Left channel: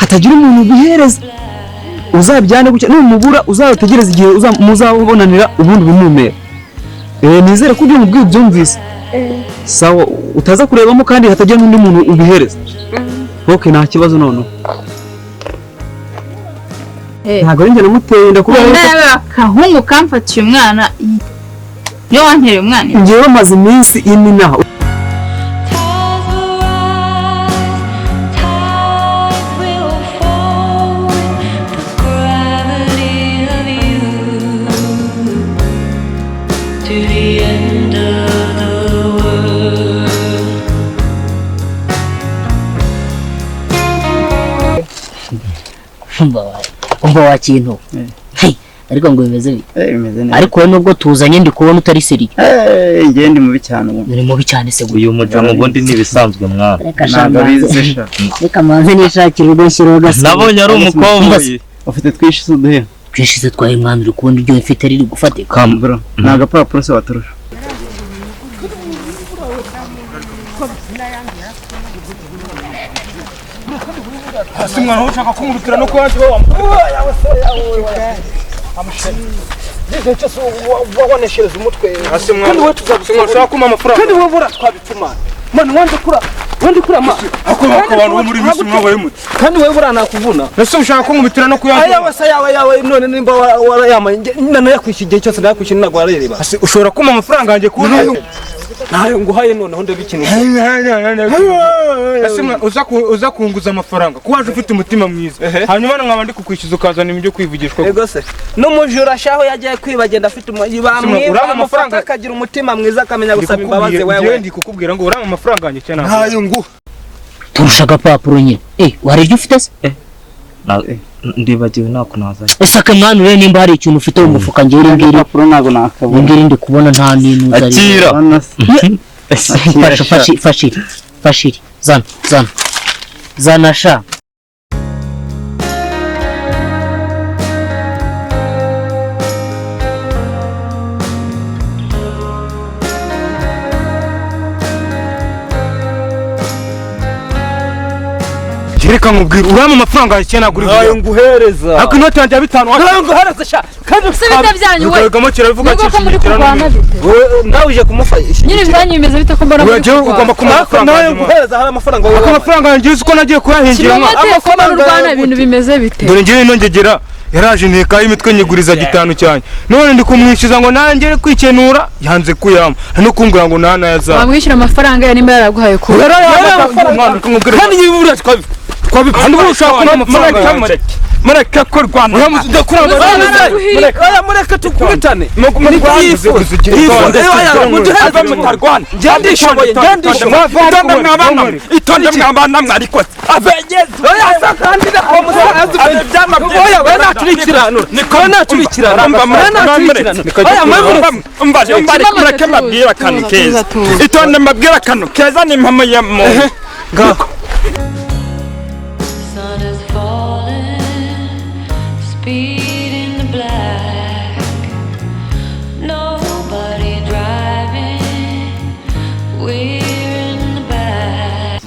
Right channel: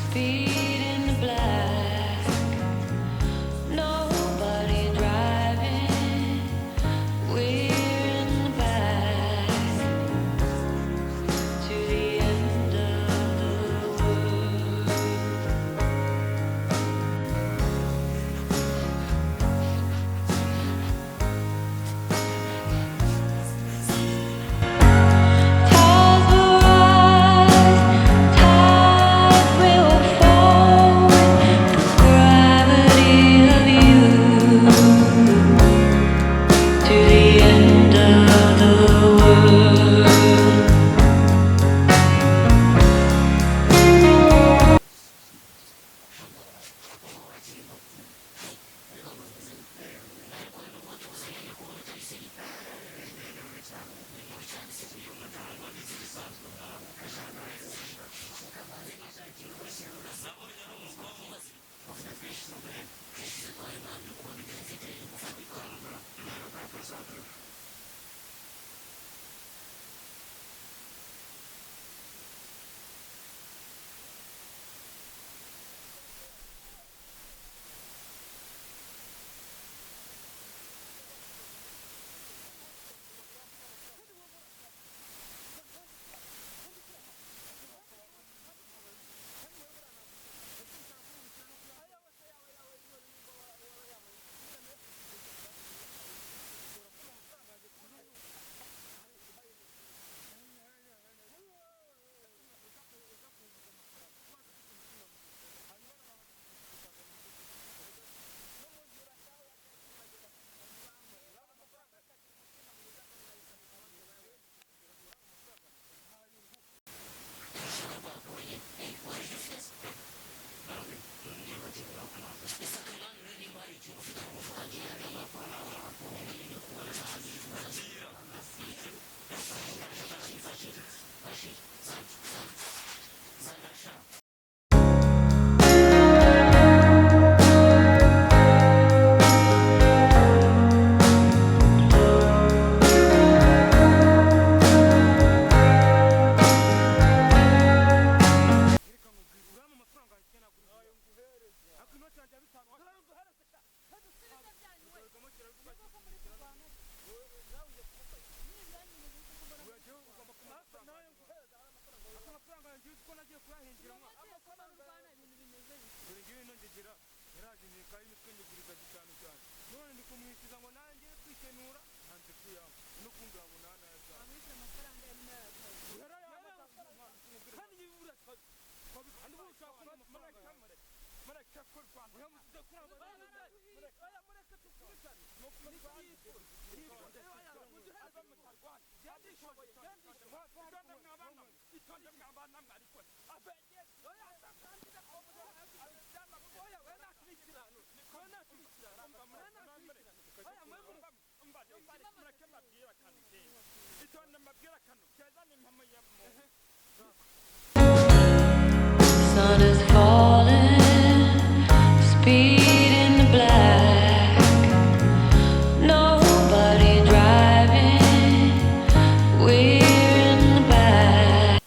hatagira umuntu ubihereza uzabyane gutya numubura uzategereza igihe muzabonanira ubundi bumumera nizere ko ibyo mubwiye byumvise sawa utaza kurebamo kandi hatagira n'undi muntu ubihereza okay nta kibazo none ntabwo ari njye namuteye ndakubwira akahungu kamfatiye umwana yo wantereye umwana ngiye bamaze iminsi ine naho umva wa kintu ariko ngo bimeze bite bimeze neza ariko nubwo tuzanye ndi kubona utari seri ngende mubi cyane ni mubi cyane se uyu mujama ubundi nibisanzwe mwana reka manze nishakira udashyiraho gasa nabonye ari umukobwa ufite twishize uduhe twishize twaye mwana uri kubona iryo mfite riri gufatika bro naga papuro se waturusha Asimwana ushaka kumurutira no kwanje wa Ndetse cyo waboneshereza umutwe kandi we tuzabishaka kuma amafaranga kandi we bura twabituma man wandi kura ma abantu muri bisi mwabaye muti kandi we bura nakuvuna nese ushaka kumubitira no kuyanga ayawe none nimba warayama nana yakwishigiye cyose nakwishyira nagwa arereba ushobora kuma amafaranga yanjye kuna nayo nguhaye none honde bikinije asimwa uza kunguza amafaranga kuwaje ufite umutima mwiza hanyuma nkaba ndi kukwishyuza ukazana ibyo kwivugishwa ego se no mujura shaho yagiye kwibagenda afite ibamwe amafaranga akagira umutima mwiza akamenya gusaba imbabazi wewe ndi kukubwira ngo urama amafaranga yanjye cyane nayo ngo turusha gapapuro nyine warije ufite se ndibagiwe nako nazanye esaka mwana ure nimba hari ikintu ufite mu mufuka ngiri ngiri papuro nago nakabona ngiri ndi kubona nta nintu zari fashiri zana sha reka nkubwira urama amafaranga cyane aguri nayo nguhereza ako inoti yanjye ya 5 nayo nguhereza sha kandi usibita byanyu we ukagamo kiravuga cyishimikira nawe uje kumufasha nyine byanyu bimeze bite ko mbona wewe ugomba amafaranga nayo nguhereza hari amafaranga ako amafaranga yanjye uko nagiye kuyahingira amafaranga Rwanda ibintu bimeze bite dore ngiye nongegera yaraje nteka imitwe nyiguriza 5 cyane none ndi kumwishyuza ngo nanjye kwikenura yanze kuyama no kungura ngo nana yaza bamwishyura amafaranga ya nimba yaraguhaye ko kandi yibura twabipanda ushaka amafaranga mareka ko Rwanda yamuze kuranga mureka tukubitane itonde mwabana mwarikoze abegeze oya kandida ko musaza byama oya we naturikirano niko naturikirano mbaje mureke mabwira kanu keza itonde mabwira kanu keza ni mpamo ya mo ngako sun is falling, speed in the black, nobody driving, we're in the back.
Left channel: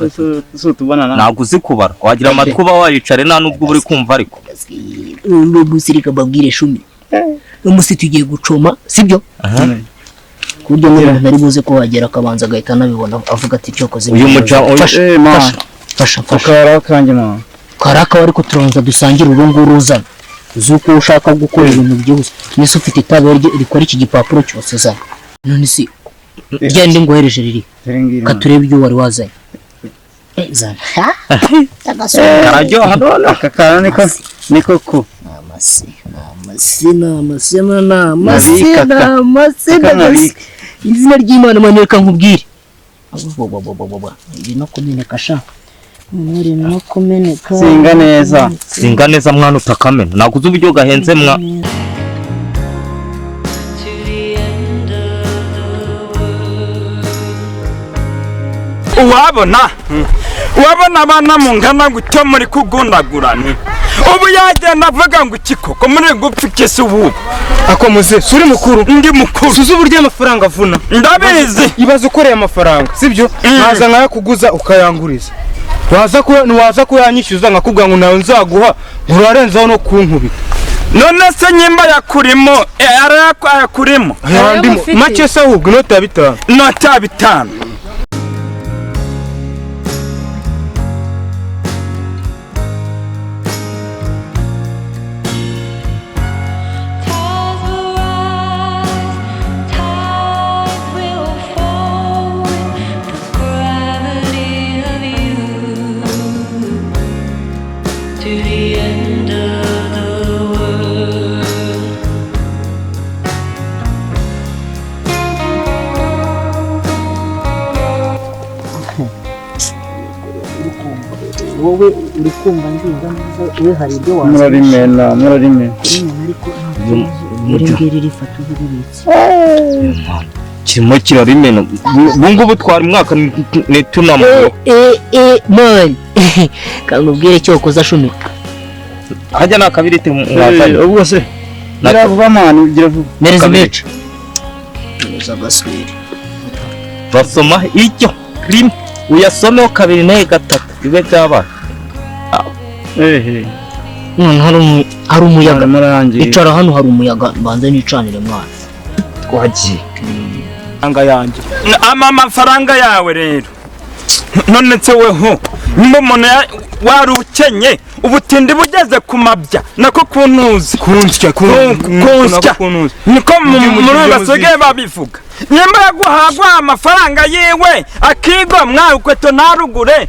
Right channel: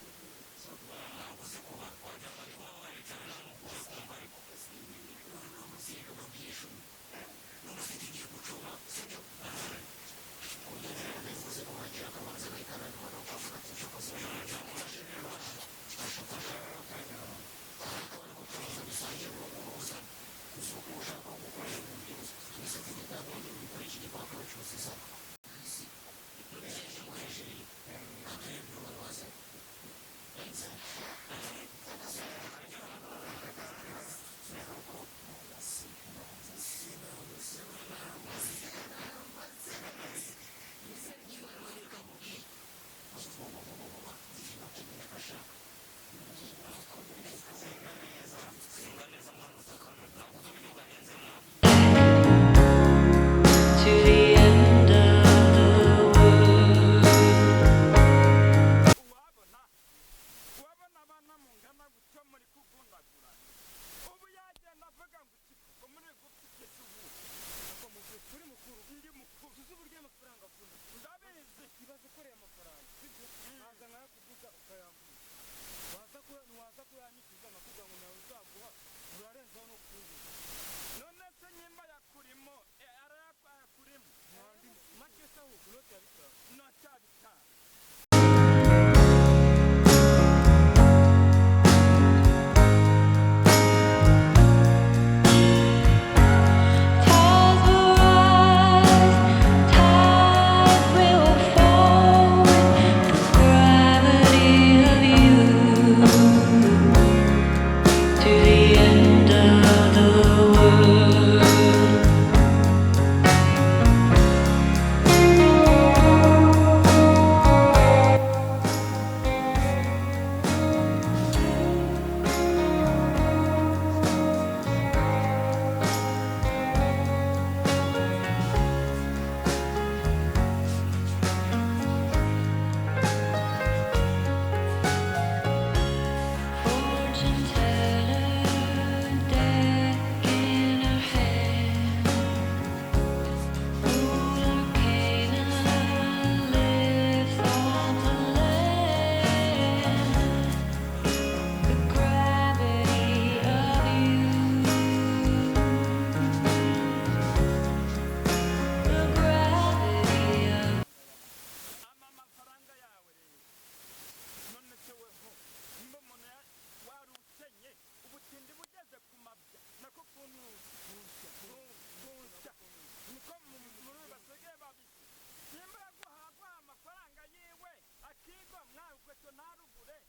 so tubona ntabwo uzi kubara wagira amatwi uba waricare nta nubwo uri kumva ariko n'ubusirika babwire shumi umunsi tugiye gucoma sibyo kuryo n'umuntu ari buze ko wagera akabanza agahita nabibona avuga ati cyo koze uyu muja fasha ukara kanje mama karaka ariko turanza dusangira urunguru uzana uzuko ushaka gukora ibintu byose nese ufite itabe rikora iki gipapuro cyose za none si gende ngohereje riri katurebe ibyo wari wazanye zana karajyo hano akakana niko ko izina ry'Imana maneka nkubwire ibi no kumeneka sha muri no kumeneka singa neza mwana utakamena naguze uburyo gahenze mwa wabona abana mungana gutyo muri kugundagurana ubu yagenda avuga ngo ikikoko muri gupfikese ubu ako muze suri mukuru ndi mukuru suzu buryo amafaranga avuna ndabizi ibaza ukoreye amafaranga sibyo naza nkaya kuguza ukayanguriza waza ko yanyishyuza nkakubwira ngo nawe nzaguha urarenzaho no kunkubita. None se nyimba yakurimo yakurimo make se ahubwo inota ya 5. Inota ya 5. wowe uri kumva nziza iyo hari ibyo murarimena ngiri rifata ububitsi kirimo kirarimena ubungubu twari mwaka nitunamo man kamubwire cyo koza shumika hajya nakabirite mwazanye ubwo se naravuga mani ugira vuba mereza mecha basoma icyo rimwe uyasomeho 2 na 3 bibe byaba hari umuyaga icara hano hari umuyaga banze nicanire mwana twagiye anga yanjye amafaranga yawe rero none se weho umuntu warukenye ubutindi bugeze ku mabya nako kuntuzi kunsya niko muri basigaye babivuga nyemba yaguhagwa amafaranga yiwe akigo mwakweto narugure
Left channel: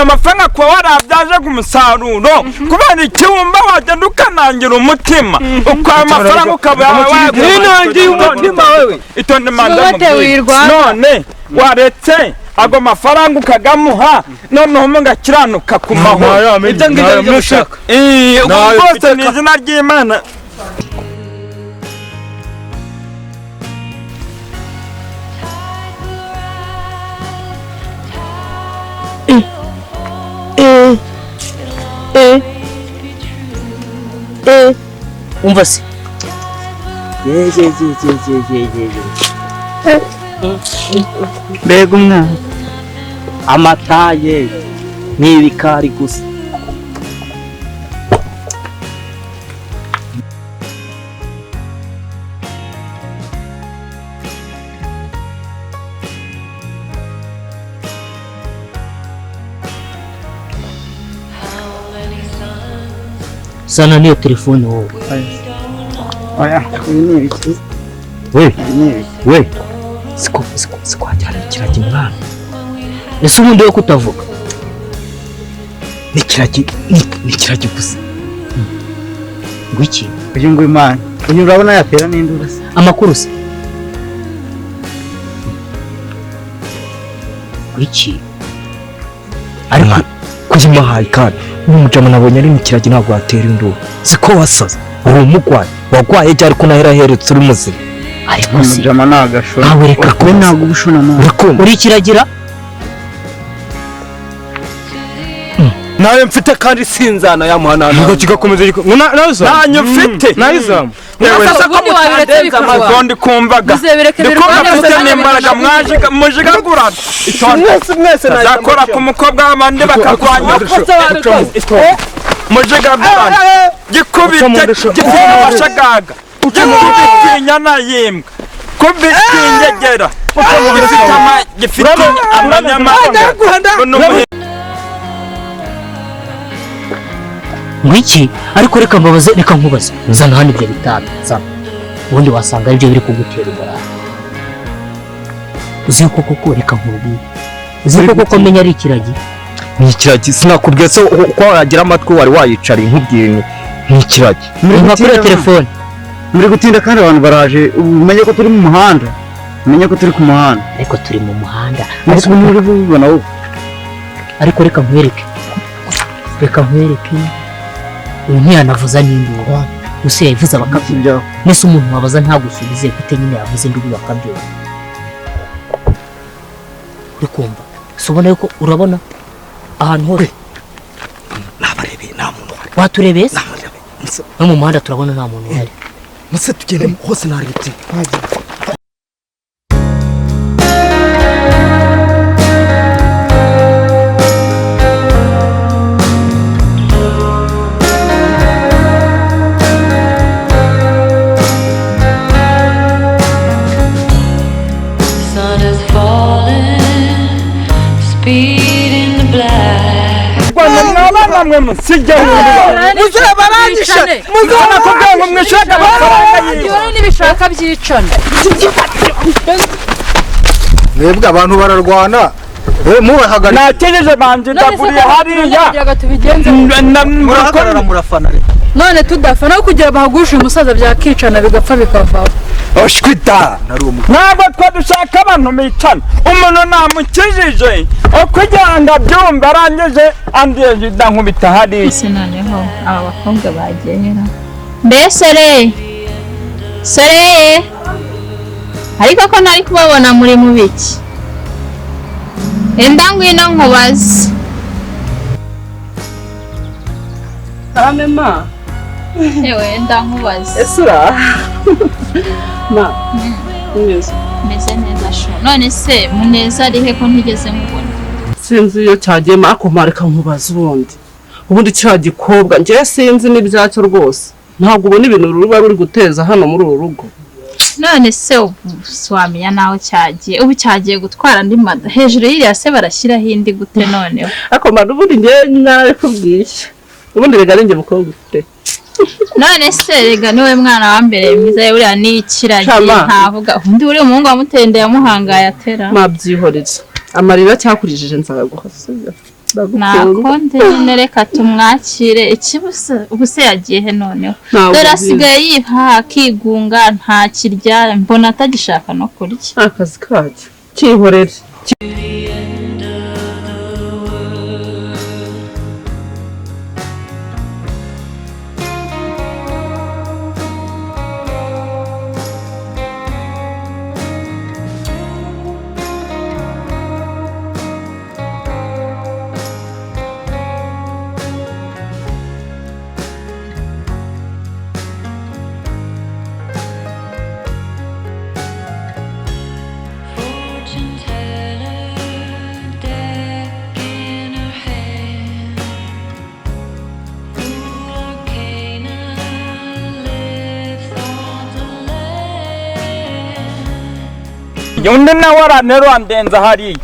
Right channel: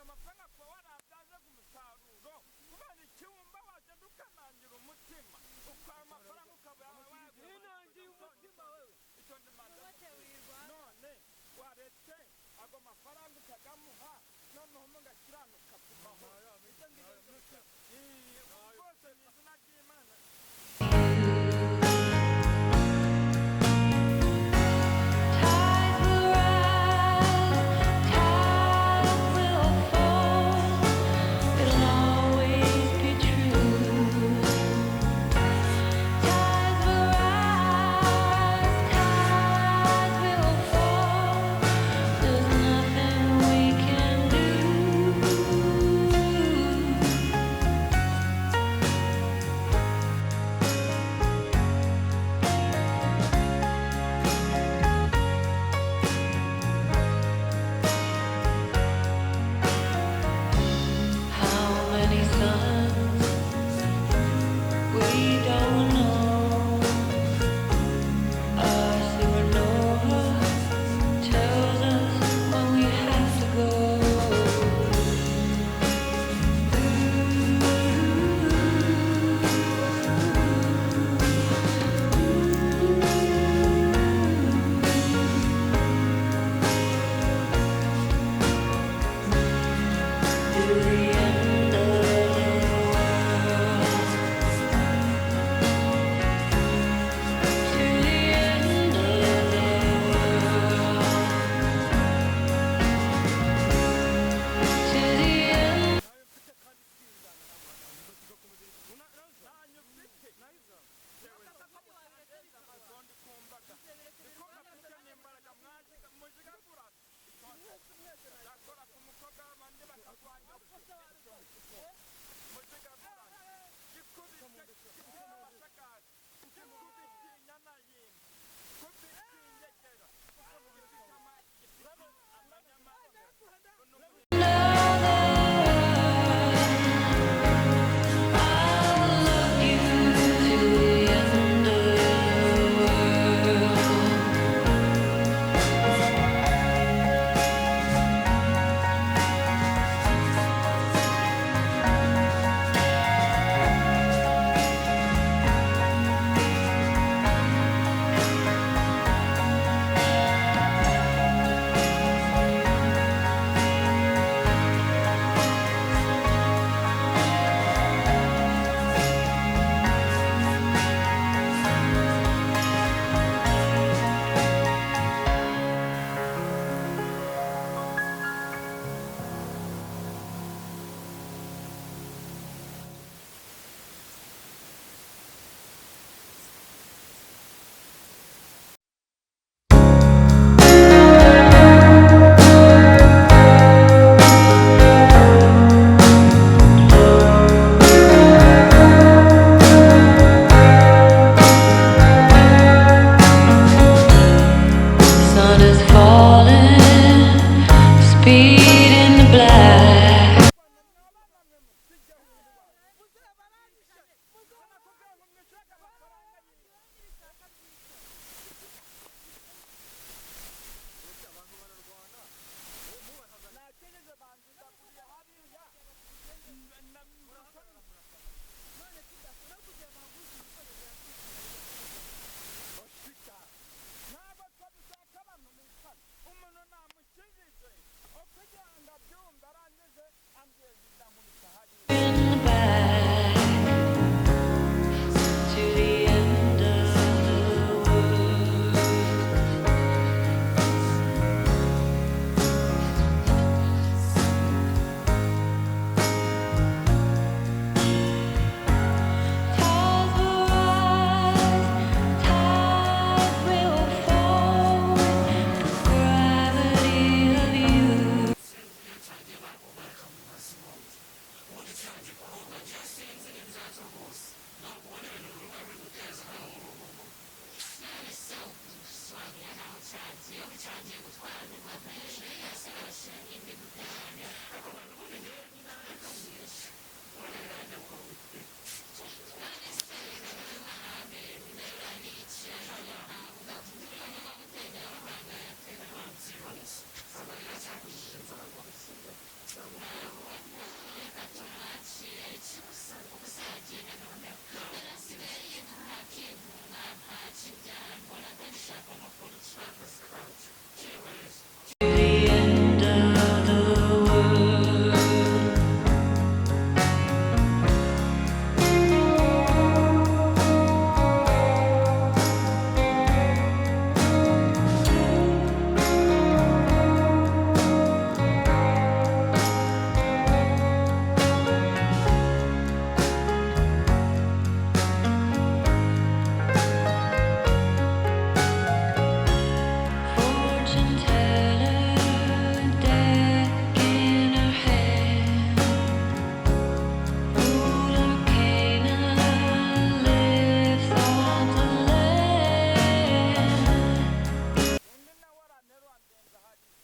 amafaranga kwa warabyaje ku musaruro kubera icyumba wagenda ukanangira umutima amafaranga ukaba winangiye umutima wewe itonde madamu none waretse ago mafaranga ukagamuha noneho mungakiranuka ku mahoro ibyo ngibyo byushaka ubwose ni izina ry'Imana umva se mbega umwana amataye n'ibikari gusa sana niyo telefone wowe oya we sikwagira kiragi mwana ese ubundi we kutavuga ni kiragi gusa ngwiki uyu ngo Imana uyu urabona yatera n'induru se amakuru se ngwiki ariko kujima hayi kandi n'umujama nabonye ari mu kiragi ntabwo atera induru ziko wasaza uri umugwayi wagwaye cyari ko nahera heretse uri muzima ariko se umujama nagashora nawe reka ko ntabwo ubishona nawe uri kiragira nawe mfite kandi sinzana yamuhana ntabwo kigakomeza nanyo mfite nayizamu Sasa ko mutandeza amazi ndi kumvaga ndikubafite n'imbaraga mujigagura mwese zakora ku mukobwa w'abandi bakarwanya mujigagura gikubite gifite amashagaga gikubitinya nayimbwa kubitingegera gifite amanyamanga ngwiki ariko reka mbabaze reka nkubaze nzana hano ibyo bitanu nzana ubundi wasanga aribyo biri kugutera imbaraga uzi ko koko reka nkubwire uzi ko koko menya ari ikiragi ni ikiragi sinakubwiye se ko wagira amatwi wari wayicara inkubwiye ni ikiragi nka kuri telefone muri gutinda kandi abantu baraje umenye ko turi mu muhanda umenye ko turi ku muhanda ariko turi mu muhanda ariko muri bubona wowe ariko reka nkwereke uyu ntiyanavuza n'induru gusa yavuze bakabyo nese umuntu wabaza ntagusubize gute nyine yavuze induru bakabyo uri kumva sobona yuko urabona ahantu hose nabarebeye nta muntu waturebeye no mu muhanda turabona nta muntu uhari muse tugende hose narebye namwe musijye muzabarangishane muzana kugira ngo mwishaka amafaranga yiwe n'ibishaka byicana mwebwe abantu bararwana mubahagarika nakejeje banje ndaburiye hariya murahagarara murafana none tudafana aho kugira bahagushe umusaza byakicana bigapfa bikavaho oshwita ntabwo twadushaka abantu micana umuntu namukijije kugira ngo abyumve arangije andiye ndankubita hariya ese noneho aba bakobwa bagiye mbese sore ariko ko ntari kubabona muri mu biki enda ngwino nkubaze ma ewe enda nkubaze esura ma meze neza sho none se muneza arihe ko ntigeze mubona sinzi iyo cyagiye mako mareka nkubaze ubundi cya gikobwa njye sinzi n'ibyacyo rwose ntabwo ubona ibintu ruba ruri guteza hano muri uru rugo none se swamenya naho cyagiye ubu cyagiye gutwara andi mada hejuru y'iriya se barashyiraho indi gute noneho ako mada ubundi njye nawe kubwisha ubundi rega ninjye mukobwa ufite none se rega niwe mwana wa mbere mwiza uriya n'ikiragiye ntavuga undi uri umuhungu wamutende yamuhangaye atera mabyihoreza amarira cyakurijije nzaguha nakonde nyine reka tumwakire ikibuse ubuse yagiye he noneho dore asigaye yiha akigunga nta kirya mbona atagishaka no kurya akazi kacyo kihorere undi nawe aranero andenza hariya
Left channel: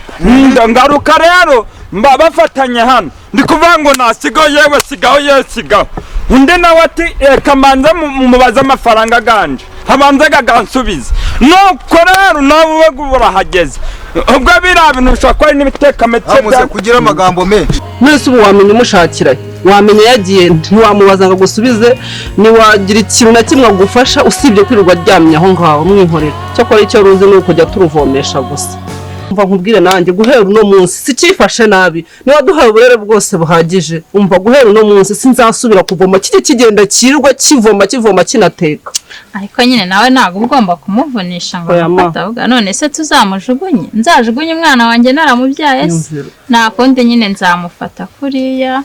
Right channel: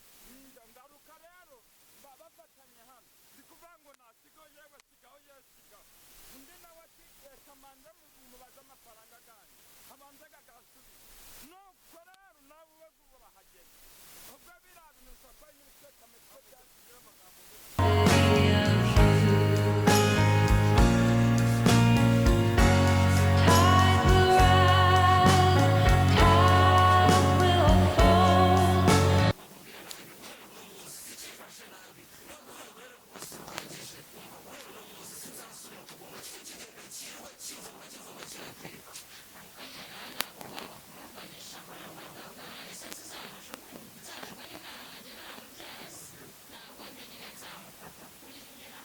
ngaruka rero bafatanye hano ndi kuvuga ngo nasigaho yewe sigaho yewe sigaho undi nawe ati reka mbanze mubaze amafaranga aganje habanze agansubiza nuko rero nawe urahageze ubwo biriya bintu bishobora kuba ari n'ibitekametse bya kugira amagambo menshi mwese ubu wamenya umushakira wamenya yagiye ntiwamubaza ngo agusubize ntiwagira ikintu na kimwe agufasha usibye kwirirwa aryamye aho ngaho mwinkorera cyakora icyo ruzi ni ukujya turuvomesha gusa umva nkubwire nanjye guhera uno munsi sikifashe nabi niba duhaye uburere bwose buhagije umva guhera uno munsi sinzasubira kuvoma kijye kigenda kirirwa kivoma kinateka ariko nyine nawe ntabwo ugomba kumuvunisha ngo amufatavuga none se tuzamujugunye nzajugunye umwana wanjye naramubyaye se nakonde nyine nzamufata kuriya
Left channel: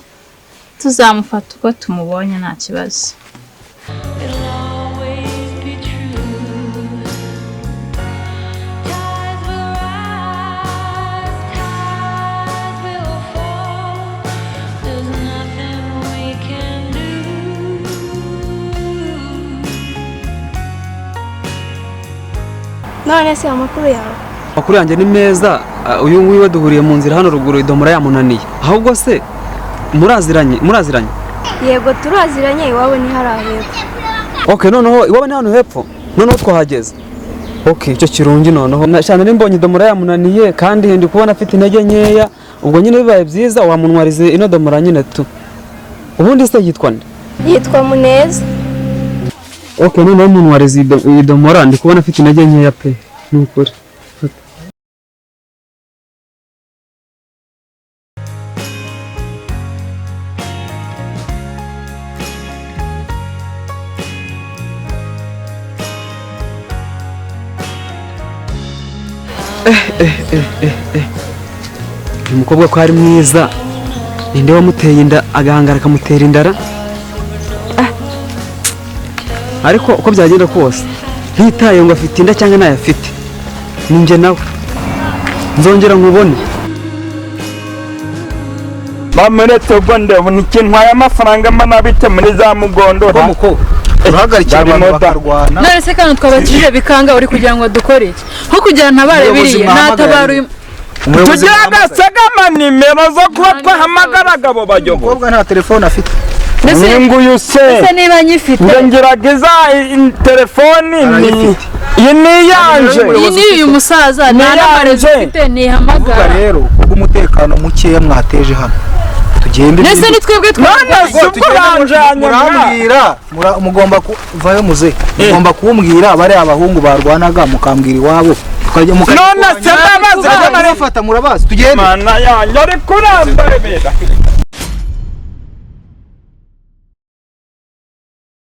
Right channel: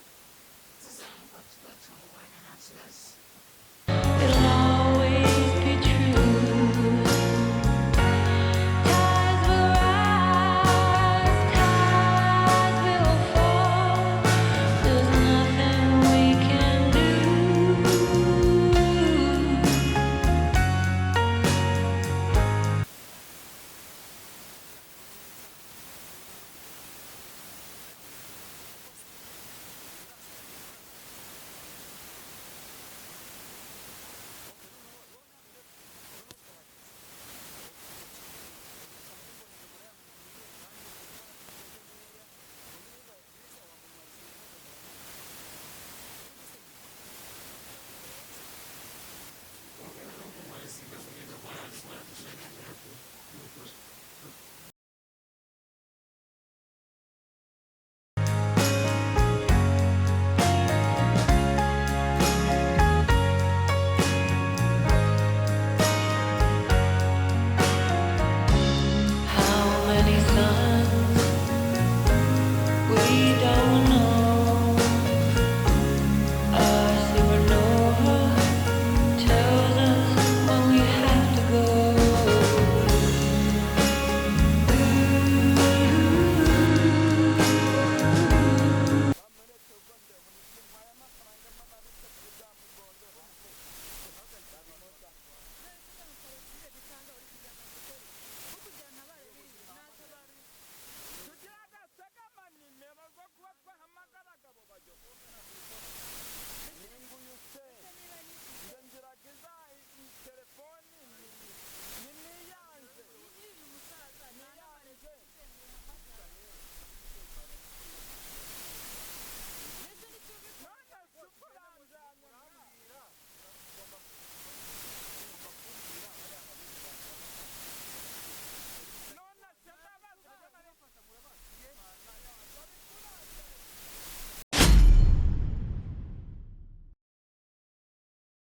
tuzamufata uko tumubonye nta kibazo none se amakuru yawe amakuru yanjye ni meza uyu nguyu duhuriye mu nzira hano ruguru idomora yamunaniye ahubwo se muraziranye yego turaziranye iwabo ni hariya hepfo okay noneho iwabo ni hano hepfo noneho twahageze okay icyo kirungi noneho cyane nimbonye idomora yamunaniye kandi ndi kubona afite intege nkeya ubwo nyine bibaye byiza wamunwarize ino domora nyine tu ubundi se yitwa nde yitwa Muneza okay noneho munwarize idomora ndi kubona afite intege nkeya pe nukuri umukobwa ko ari mwiza ninde wamuteye inda agahangara akamutera indara ariko uko byagenda kose ntitaye ngo afite inda cyangwa ntayo afite ninjye nawe nzongera nkubone bamuretse ubwo ndabona ikintu ntwaye amafaranga manabite muri za mugondora urahagarikira abantu bakarwana none se kandi twabakije bikanga uri kugira ngo dukore iki nko kugira ntabare biriye natabara uyu tugira agasaga na nimero zo kuba twahamagaraga abo bayobozi. Umukobwa nta telefone afite. Nguyu se niba nyifite ngerageza telefoni iyi ni yanje. iyi ni uyu musaza nta n'amarezo ufite nihamagara rero kubw'umutekano mukeya mwateje hano tugende ndetse ni twebwe murambwira mugomba kuvayo muze mugomba kumbwira bari abahungu barwanaga mukambwira iwabo none se babaza murabazi tugende mana yanjye ari kurambara